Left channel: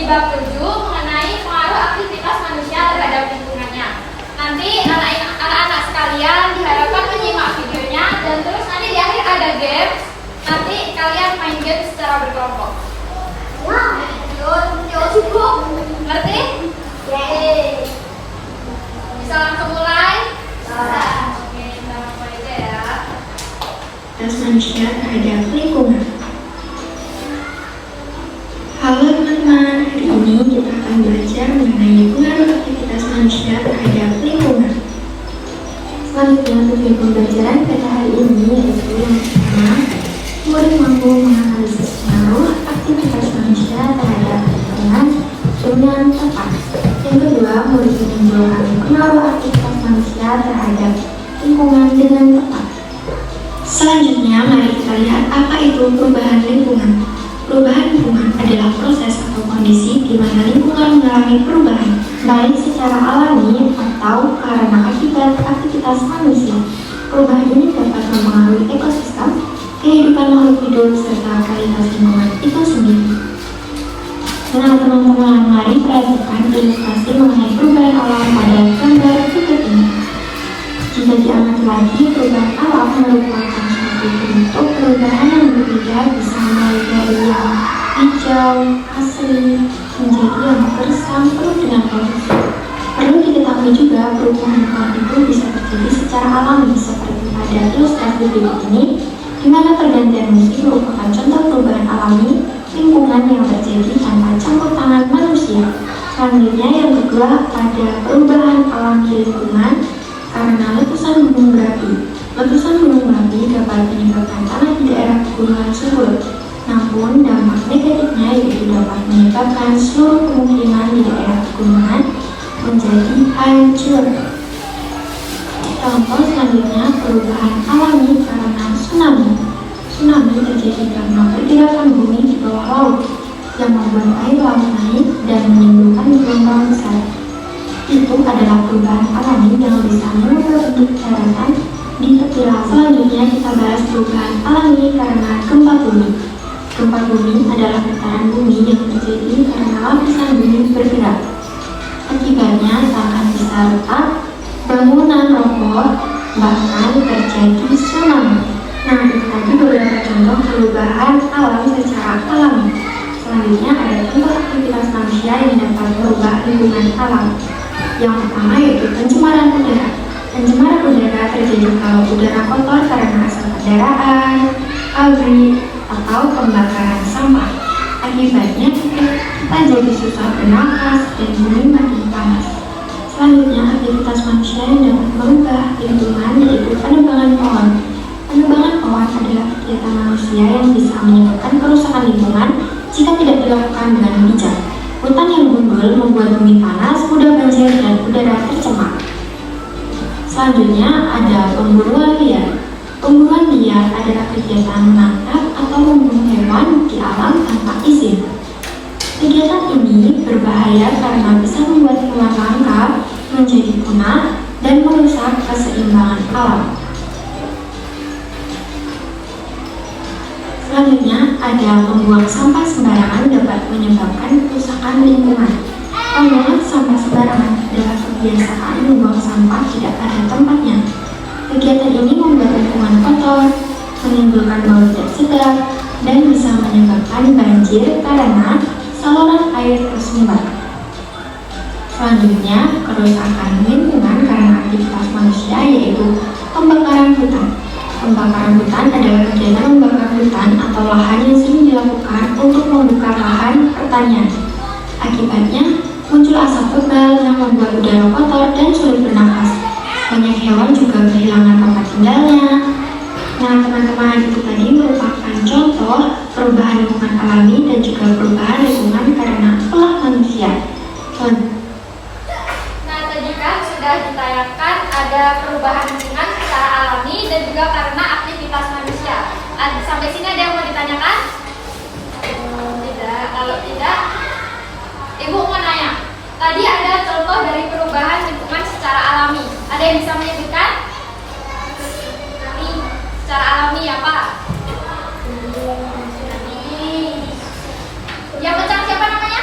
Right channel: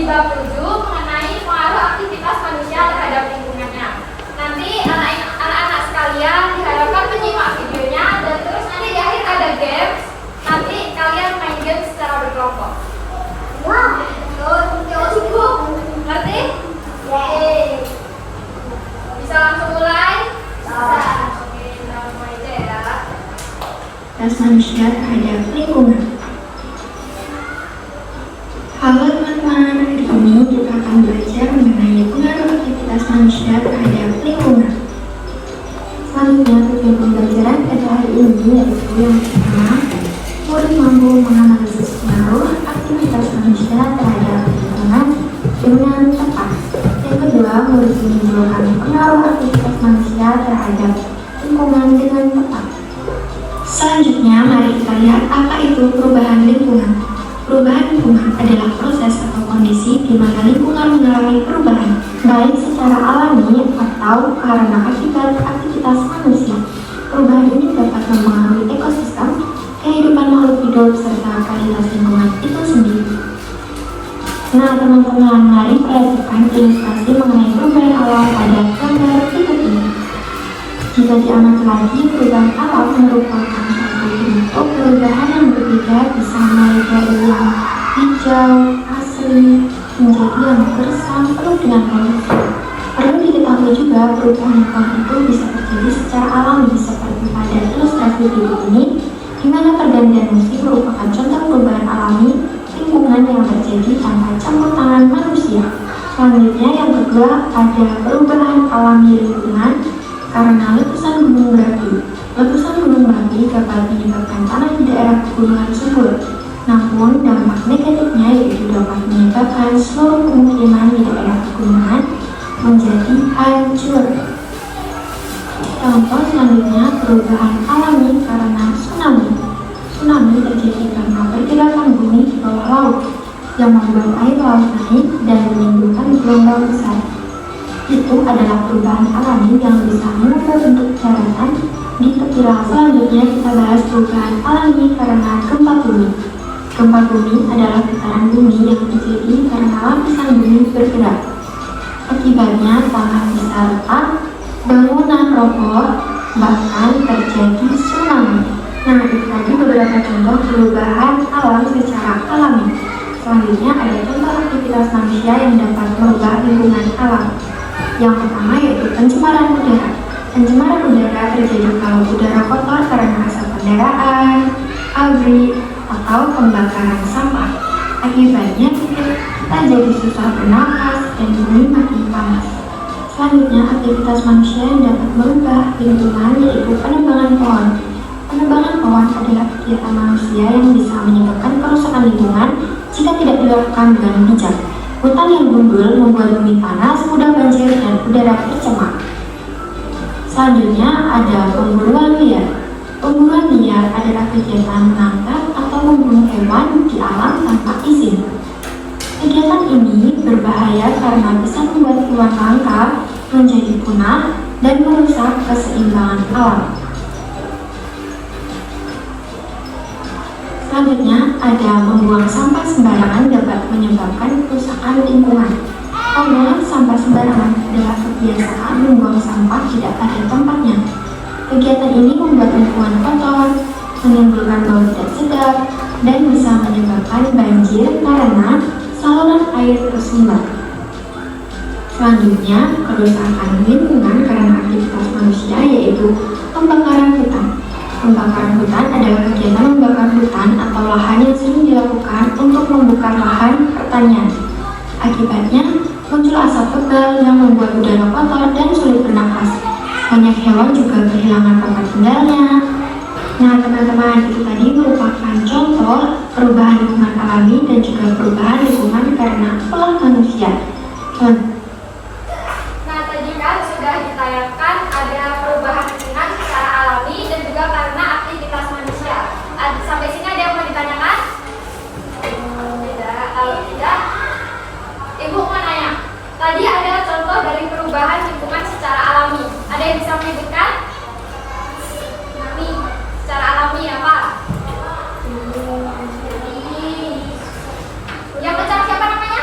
di bab 7 mengenai pengaruh aktivitas manusia terhadap lingkungannya. Nanti anak-anak sekalian diharapkan menyimak videonya dan terus nanti di akhir ada game. Nanti kalian main game secara berkelompok. Cukup? Ngerti? Bisa langsung mulai? Bisa. Oke, kita mulai aja ya. Aktivitas manusia terhadap lingkungan. Halo teman-teman, hari ini kita akan belajar mengenai pengaruh aktivitas manusia terhadap lingkungan. Selanjutnya, tujuan pembelajaran pada hari ini yaitu yang pertama, murid mampu menganalisis pengaruh aktivitas manusia terhadap lingkungan dengan tepat. Yang kedua, murid menimbulkan pengaruh aktivitas manusia terhadap lingkungan dengan tepat. Selanjutnya, mari kita lihat apa itu perubahan lingkungan. Perubahan lingkungan adalah proses atau kondisi di mana lingkungan mengalami perubahan, baik secara alami atau karena akibat aktivitas manusia. Perubahan ini dapat mempengaruhi ekosistem, kehidupan makhluk hidup, serta kualitas lingkungan itu sendiri. Nah teman-teman, mari perhatikan ilustrasi mengenai perubahan alam pada gambar berikut ini. Jika diamati lagi, perubahan alam merupakan suatu bentuk perubahan yang berbeda, bisa mulai dari yang hijau, asri, menjadi yang gersam, penuh dengan polusi. Perlu diketahui juga, perubahan lingkungan itu bisa terjadi secara alami, seperti pada ilustrasi berikut ini, di mana pergantian musim merupakan contoh perubahan alami lingkungan yang terjadi tanpa campur tangan manusia. Selanjutnya, yang kedua, ada perubahan alami lingkungan karena letusan gunung berapi. Letusan gunung berapi dapat menyebabkan tanah di daerah pegunungan subur. Namun, dampak negatifnya yaitu dapat menyebabkan seluruh pemukiman di daerah pegunungan menjadi hancur. Contoh selanjutnya, perubahan alami karena tsunami. Tsunami terjadi karena pergerakan bumi di bawah laut yang membuat air laut naik dan menimbulkan gelombang besar. Itu adalah perubahan alami yang bisa mengubah bentuk daratan di tepi laut. Selanjutnya kita bahas perubahan alami karena gempa bumi. Gempa bumi adalah getaran bumi yang terjadi karena lapisan bumi bergerak. Akibatnya tanah bisa retak, bangunan roboh, bahkan terjadi tsunami. Nah, itu tadi beberapa contoh perubahan alam secara alami. Selanjutnya ada contoh aktivitas manusia yang dapat merubah lingkungan alam. Yang pertama yaitu pencemaran udara. Pencemaran udara terjadi kalau udara kotor karena asap kendaraan, pabrik, atau pembakaran sampah. Akibatnya kita jadi susah bernapas dan bumi makin panas. Selanjutnya, aktivitas manusia yang dapat merubah lingkungan yaitu penebangan pohon. Penebangan pohon adalah kegiatan manusia yang bisa menyebabkan kerusakan lingkungan jika tidak dilakukan dengan bijak. Hutan yang gundul membuat bumi panas, mudah banjir, dan udara tercemar. Selanjutnya ada pemburuan liar. Pemburuan liar adalah kegiatan menangkap atau membunuh hewan di alam tanpa izin. Kegiatan ini berbahaya karena bisa membuat hewan langka menjadi punah dan merusak keseimbangan alam. Selanjutnya, ada membuang sampah sembarangan dapat menyebabkan kerusakan lingkungan. Membuang sampah sembarangan adalah kebiasaan membuang sampah tidak pada tempatnya. Kegiatan ini membuat lingkungan kotor, menimbulkan bau tidak sedap, dan bisa menyebabkan banjir karena saluran air tersumbat. Selanjutnya, kerusakan lingkungan karena aktivitas manusia yaitu pembakaran hutan. Pembakaran hutan adalah kegiatan membakar hutan atau lahan yang sering dilakukan untuk membuka lahan pertanian. Akibatnya, muncul asap tebal yang membuat udara kotor dan sulit bernapas. Banyak hewan juga kehilangan tempat tinggalnya. Nah, teman-teman, itu tadi merupakan contoh perubahan lingkungan alami dan juga perubahan lingkungan karena ulah manusia. Nah, tadi kan sudah ditayangkan ada perubahan lingkungan secara alami dan juga karena aktivitas manusia. Sampai sini ada yang mau ditanyakan? Tidak. Kalau tidak, Ibu mau nanya. Tadi ada contoh dari perubahan lingkungan secara alami. Ada yang bisa menyebutkan? Secara alami apa? Yang kencang siapa namanya?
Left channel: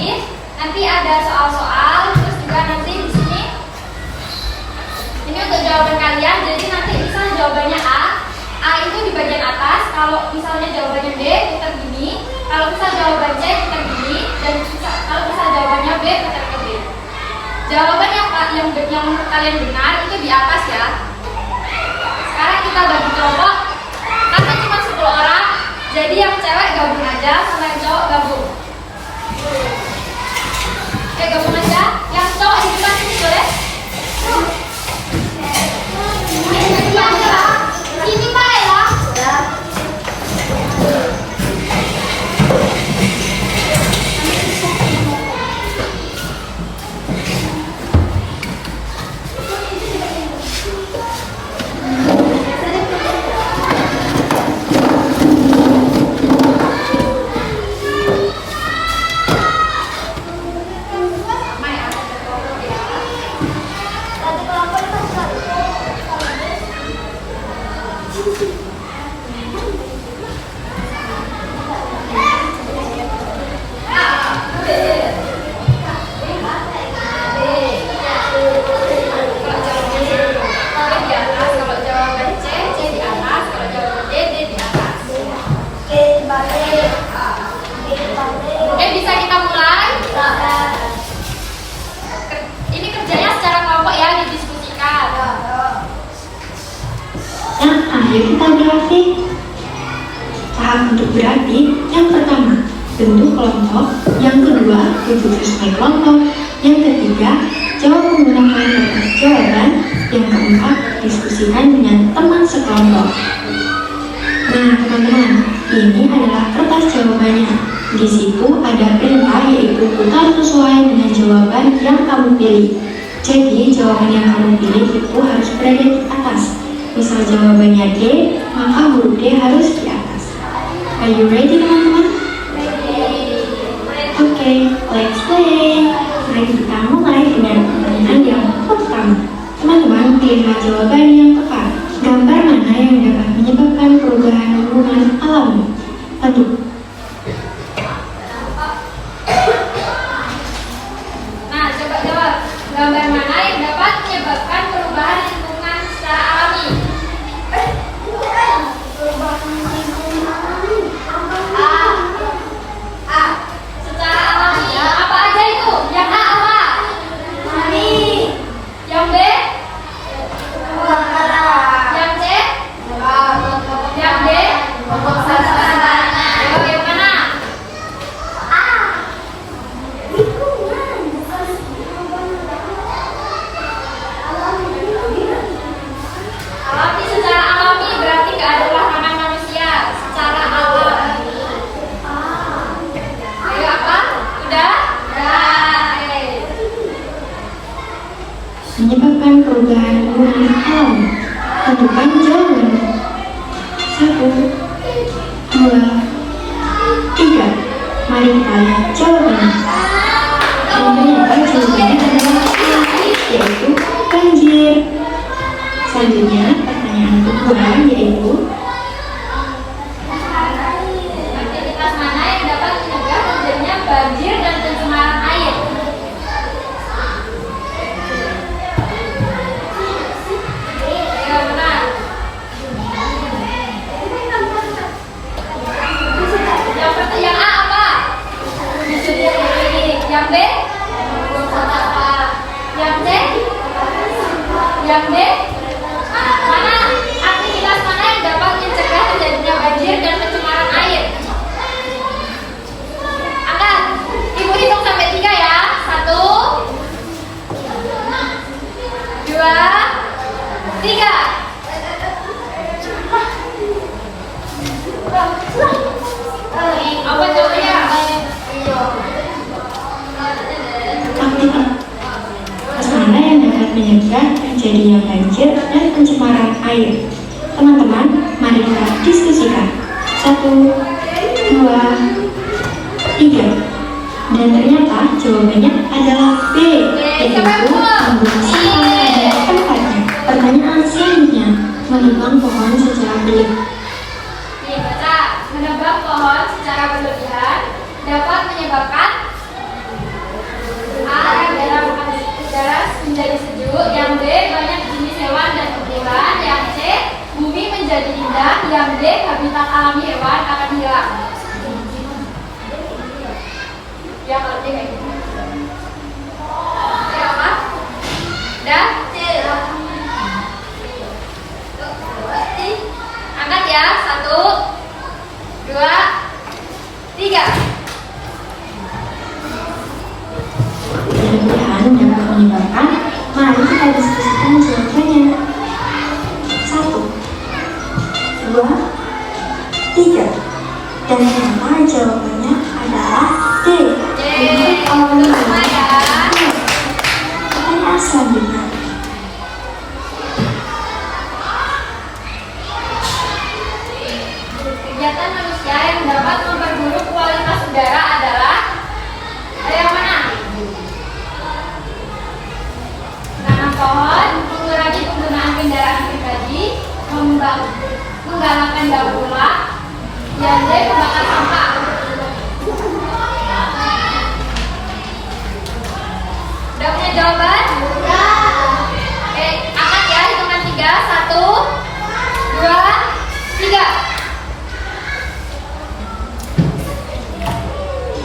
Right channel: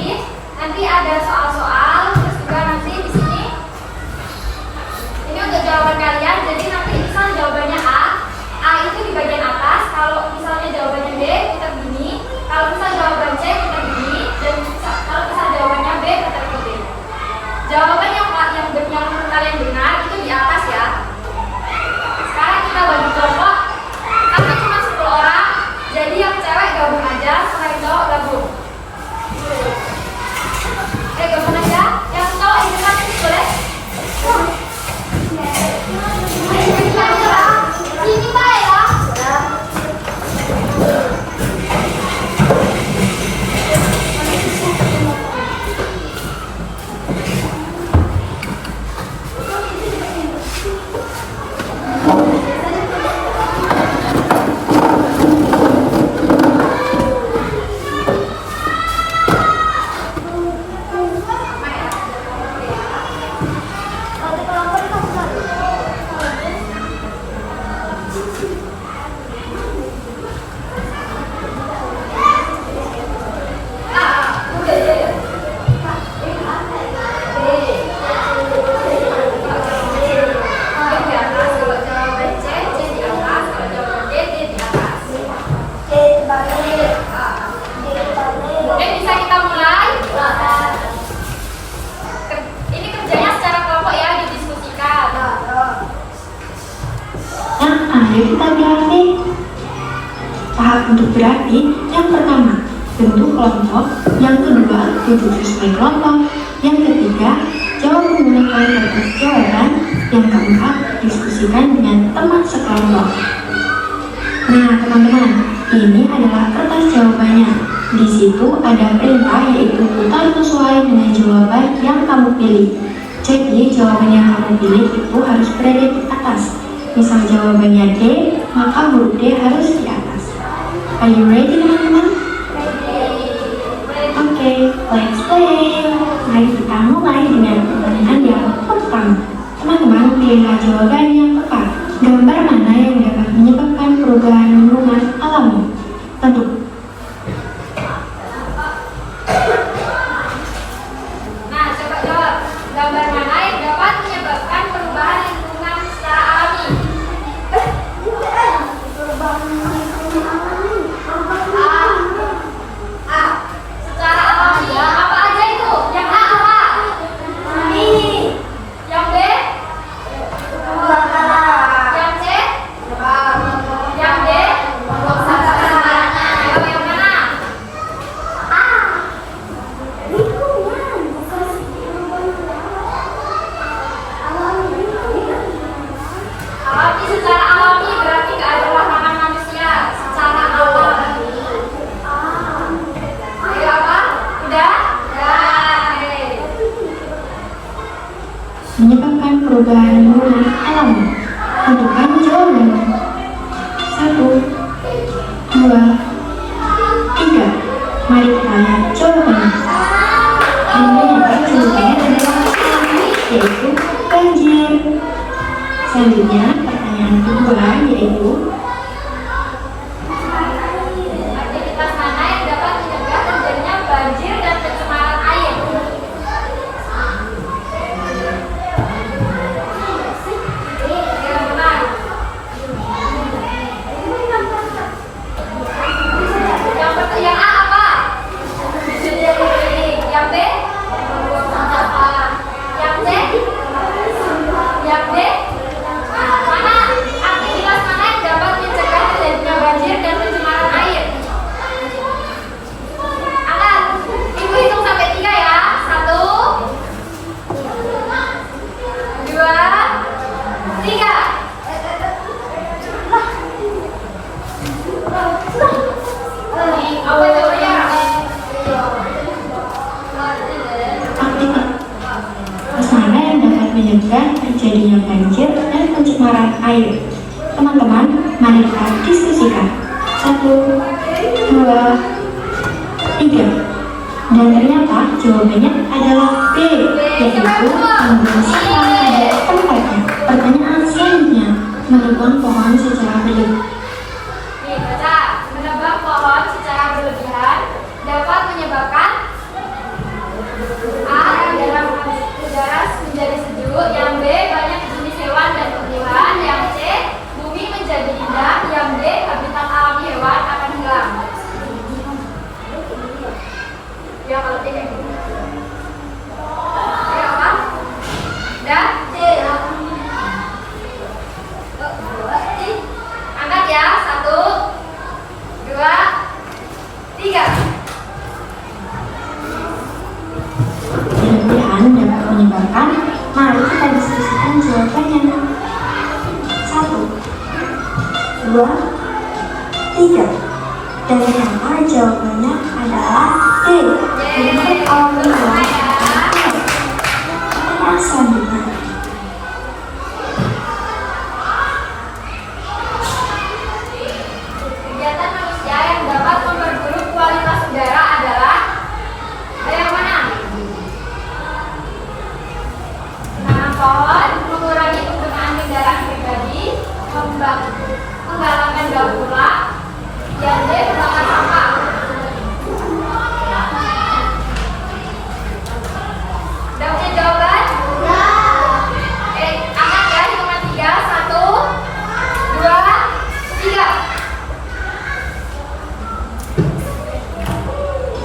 tulis. Nanti ada soal-soal, terus juga nanti di sini ini untuk jawaban kalian. Jadi nanti misal jawabannya A itu di bagian atas. Kalau misalnya jawabannya B, putar gini. Kalau misal jawaban C, putar gini. Dan kalau misal jawabannya B, putar ke B. Jawaban yang kalian benar itu di atas ya. Sekarang kita bagi kelompok. Kami cuma 10 orang. Jadi yang cewek gabung aja, sama yang cowok gabung. Oke, gabung aja. Yang cowok di depan sini boleh? Ini Pak ya. Ayo kita berlatih. Tahap untuk berlatih yang pertama, bentuk kelompok. Yang kedua, duduk sesuai kelompok. Yang ketiga, jawab menggunakan kertas jawaban. Yang keempat, diskusikan dengan teman sekelompok. Nah, teman-teman, ini adalah kertas jawabannya. Di situ ada perintah yaitu putar sesuai dengan jawaban yang kamu pilih. Jadi, jawaban yang kamu pilih itu harus berada di atas. Misal jawabannya D, maka huruf D harus di atas. Are you ready, teman-teman? Oke, let's play. Mari kita mulai dengan pertanyaan yang pertama. Teman-teman, pilihlah jawaban yang tepat. Gambar mana yang dapat menyebabkan perubahan lingkungan alami? Tentu. Nah, coba jawab. Gambar mana yang dapat menyebabkan perubahan lingkungan secara alami? A. Secara alami. Apa aja itu? Yang A apa? Yang B? Yang C? Yang D? Ayo, yang mana? Alami, secara alami berarti keadalan manusia secara alami. Ayo apa? Udah? Udah. Menyebabkan perubahan lingkungan alami. Tentukan jawabannya. 1, 2, 3. Mari kita lihat jawabannya. Dan ternyata jawabannya adalah A, yaitu banjir. Selanjutnya, pertanyaan kedua yaitu Aktivitas mana yang dapat mencegah terjadinya banjir dan pencemaran air? Ayo, benar. Yang A apa? Yang B? Yang C? Yang D? Mana aktivitas mana yang dapat mencegah terjadinya banjir dan pencemaran air? Angkat, ibu hitung sampai 3 ya. 1, 2, 3. Apa contohnya? aktivitas mana yang dapat mencegah terjadinya banjir dan pencemaran air. Teman-teman, mari kita diskusikan. 1, 2, 3. Dan ternyata jawabannya adalah B, yaitu membuang sampah pada tempatnya. Pertanyaan selanjutnya, menebang pohon secara berlebihan. Nih, baca. Menebang pohon secara berlebihan dapat menyebabkan penduduk. Yang B, banyak jenis hewan dan tumbuhan. Yang C, bumi menjadi indah. Yang D, habitat alami hewan akan hilang. Ya, kalau C kayak gitu. Ya, apa? Udah? C. Angkat ya, 1, 2, 3. Kelebihan dapat menyebabkan, mari kita diskusikan jawabannya. 1, 2, 3. Dan ternyata jawabannya adalah D. Yeay, Untuk semua ya. pertanyaan selanjutnya. Kegiatan manusia yang dapat memperburuk kualitas udara adalah ada yang mana? Menanam pohon, mengurangi penggunaan kendaraan pribadi, menggalakkan daur ulang, yang D, membakar sampah. Udah punya jawaban? Oke, angkat ya, hitungan 3, 1, 2, 3.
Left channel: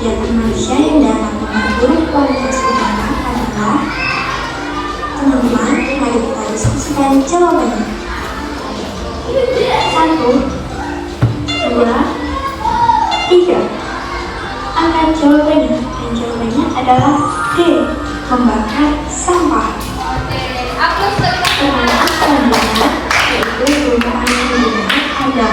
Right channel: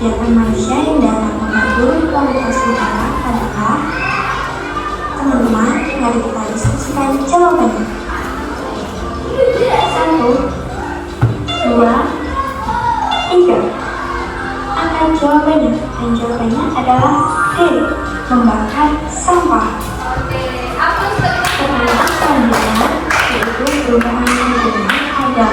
Kegiatan manusia yang dapat memperburuk kualitas udara adalah, teman-teman, mari kita diskusikan jawabannya. 1, 2, 3. Angkat jawabannya, dan jawabannya adalah D. Membakar sampah. Oke, hapus Pertanyaan selanjutnya yaitu perubahan hubungan ada